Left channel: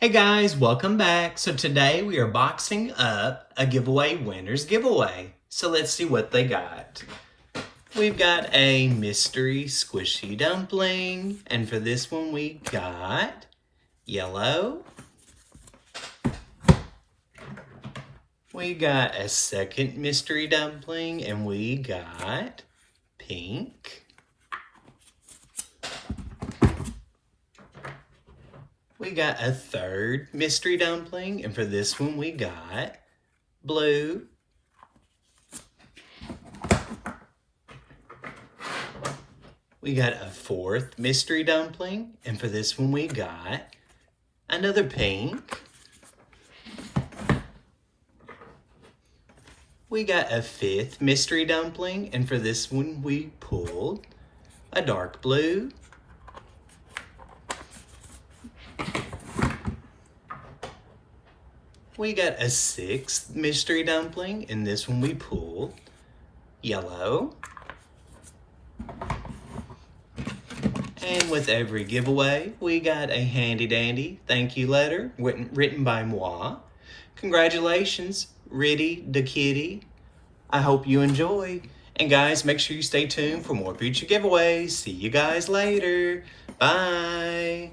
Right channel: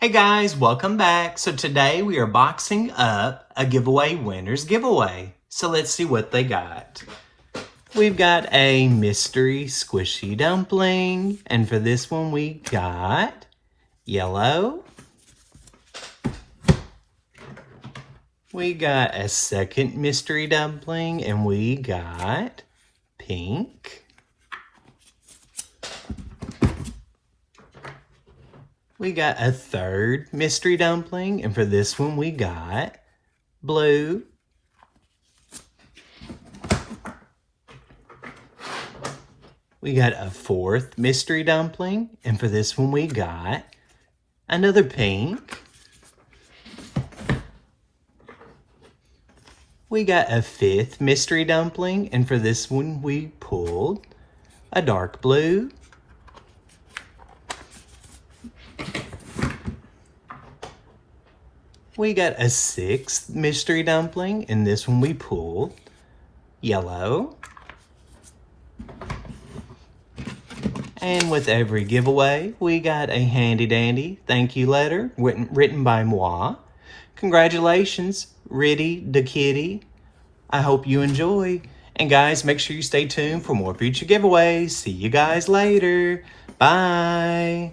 Hey guys, welcome back. So today we are boxing up a giveaway winner's giveaway. So let's see what they got. We've got a mystery squishy dumpling. And for this one we got yellow. We got a second mystery dumpling and we got pink. We got a third mystery dumpling, and for this one we got blue. We got a fourth mystery dumpling, and for this one we got another pink. We got a fifth mystery dumpling, and for this one we pulled a dark blue. We got a sixth mystery dumpling, and this one we pulled yellow. And with every giveaway, we got a handy dandy thank you letter written by moi. Congratulations, Riddy the Kitty. I hope you enjoy. And guys, make sure you stay tuned for more future giveaways. See you guys later. Bye.